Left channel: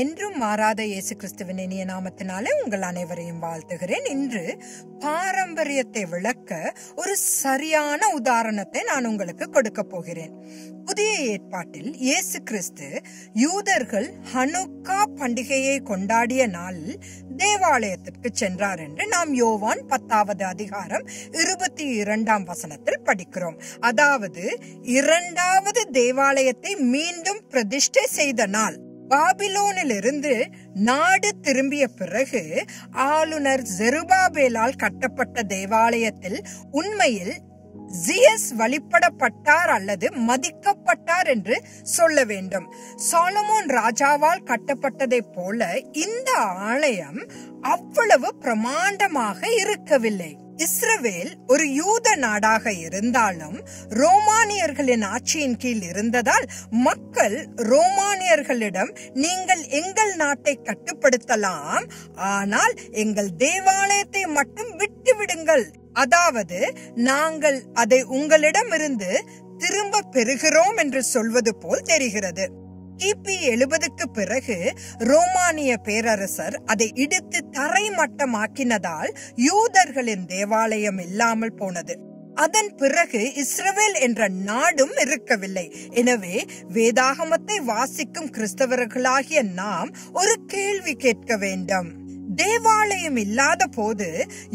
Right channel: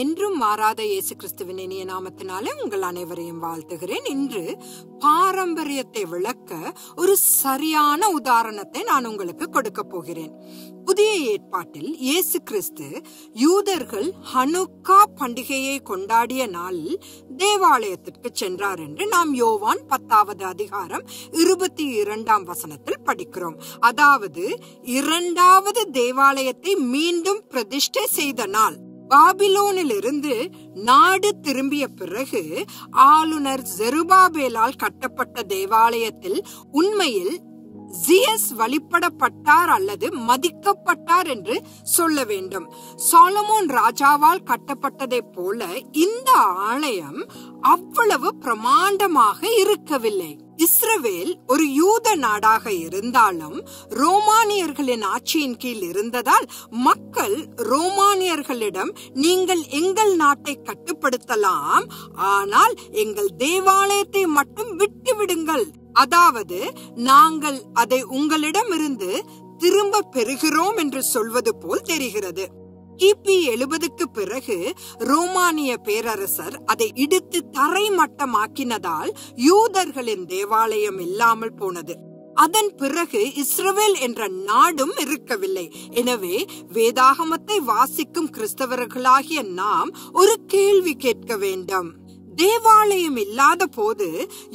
என்றும் மாறாத இயேசு கிறிஸ்துவின் இனிய நாமத்தினாலே உங்கள் அனைவரையும் வாழ்த்துகிறேன். இன்று பாரம்பரியத்தை விளக்க ஒரு சரியான உதாரணத்தை நான் உங்களுக்கு கொடுக்க போகிறேன். புதிய ஏற்பாட்டில் இயேசு கிறிஸ்து யூதர்கள் ஹனுக்கா பண்டிகையை கொண்டாடிய நாளில் தேவாலயத்திற்கு சென்றார் என்று நாம் யோவான் 10வது அதிகாரம் 22ஆம் வசனத்தில் படிக்கிறோம். அதாவது இரண்டாவது தேவாலயத்தை மீண்டும் பிரதிஷ்டை செய்த நாள். பாபிலோனிலிருந்து நாடு திரும்பிய பிறகு ஆளுநர் செருபாபேலால் கட்டப்பட்ட தேவாலயத்தில் உண்மையில் ஜியஸ் வழிபடப்பட்டார் அல்லது மதிக்கப்பட்டார் என்று சொல்ல வேண்டும். சாலமோன் ராஜாவால் கட்டப்பட்டதை போல இந்த ஆலயம் அவ்வளவு பிரமாண்டமாக இருக்கவில்லை. இஸ்ரவேல் ஒரு யூத நாடாக இருந்தாலும் ரோமானியர்களின் ஆட்சியின் கீழ் இருந்ததால் மக்கள் ரோமானியர்களிடம் நீங்கள் எங்கள் நாட்டை கட்டுப்படுத்தலாம், ஆனால் எங்கள் தேவாலயத்தை மட்டும் விட்டு விடுங்கள், அதாவது நாங்கள் அதை உங்களிடமிருந்து திரும்ப பெறுகிறோம் என்று சொல்வது போல் தெரிகிறது. கிபி 70க்கு பிறகு ரோமானிய பேரரசர் அதை இடித்து தரைமட்டமாக்கினதால் யூதர்களின் தேவாலயம் இல்லாமல் போனது. அதன் பிறகு இஸ்ரவேல் என்ற நாடும் இருக்கவில்லை. எனவே வேதாகமத்தை வாசிக்கும் கிறிஸ்தவர்களாகிய நாம் ஒரு கேள்வி கேட்க வேண்டும். தேவாலயம் இல்லாத போது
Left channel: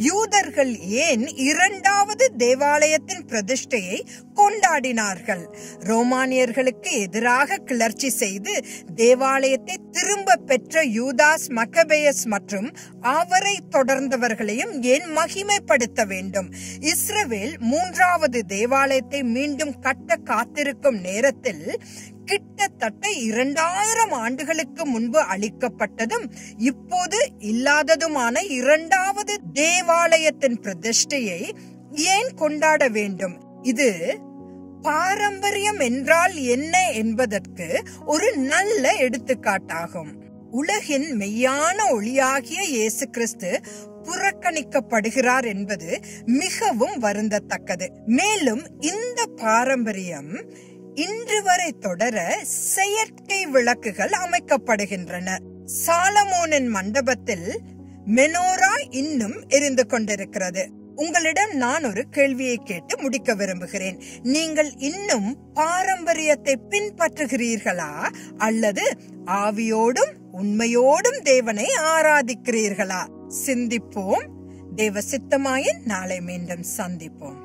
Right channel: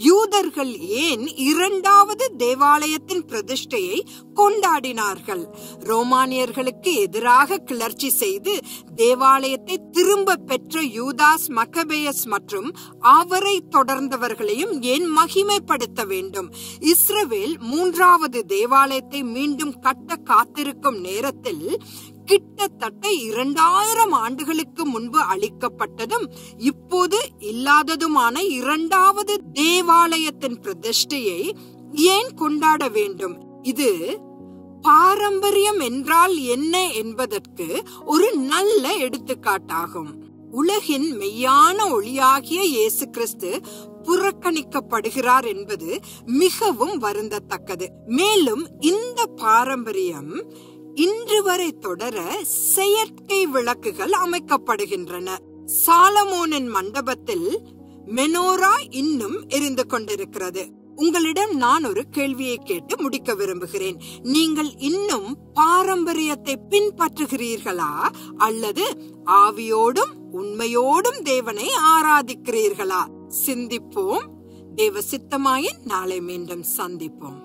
யூதர்கள் ஏன் இரண்டாவது தேவாலயத்தின் பிரதிஷ்டையை கொண்டாடினார்கள்? ரோமானியர்களுக்கு எதிராக கிளர்ச்சி செய்து தேவாலயத்தை திரும்ப பெற்ற யூதாஸ் மக்கபேயஸ் மற்றும் அவரை தொடர்ந்தவர்களையும் ஏன் மகிமைப்படுத்த வேண்டும்? இஸ்ரவேல் மூன்றாவது தேவாலயத்தை மீண்டும் கட்ட காத்திருக்கும் நேரத்தில் கிட்டத்தட்ட 2000 ஆண்டுகளுக்கு முன்பு அளிக்கப்பட்டதும் இப்போது இல்லாததுமான இரண்டாவது தேவாலயத்தின் பிரதிஷ்டையை ஏன் கொண்டாட வேண்டும்? இது பாரம்பரியம் என்றால் என்ன என்பதற்கு ஒரு நல்ல எடுத்துக்காட்டாகும். உலகின் மெய்யான ஒளியாகிய இயேசு கிறிஸ்து புறக்கணிக்கப்படுகிறார் என்பது மிகவும் வருந்தத்தக்கது. மேலும் இந்த பாரம்பரியம் இன்று வரை தொடர செயற்கை விளக்குகள் அமைக்கப்படுகின்றன. சாலமோனின் மண்டபத்தில் மெனோரா இன்னும் எரிந்து கொண்டிருக்கிறது. உங்களிடம் நான் ஒரு கேள்வியை கேட்டு முடிக்க விரும்புகிறேன். நீங்கள் இன்னும் பாரம்பரியத்தை பின்பற்றுகிறீர்களா அல்லது ஆவியோடும் உண்மையோடும் தேவனை ஆராதிக்கிறீர்களா? சிந்திப்போம். தேவ சித்தமாயின் நாளை மீண்டும் சந்திப்போம்.